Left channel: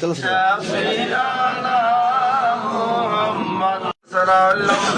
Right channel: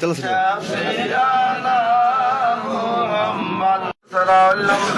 Tyle se dělá.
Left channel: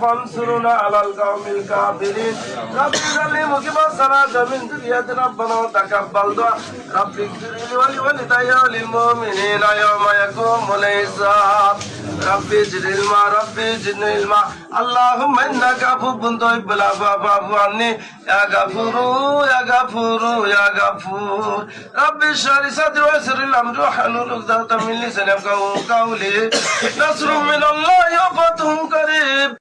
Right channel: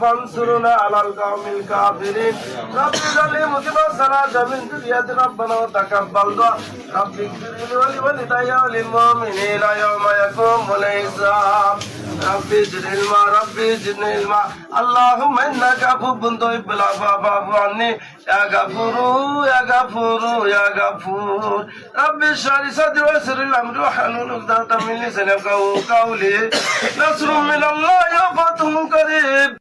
فان سرنا على القوم الكافرين رب الذين مصيبوا سنا جميل دنيا دنا تقبل دعاء رب الذين ولي ولي تيا للمؤمنين لا يوم يقوم ولا يساب رب الذين ما رب الذين ما اللهم انك أبو بندوي بلا بابا فاني يا غفور يا غفور يا غفور رب الشاري سدي وسر الأمر وحنا نقدر تمني سنك وقولي نصر من الله يفتح قريب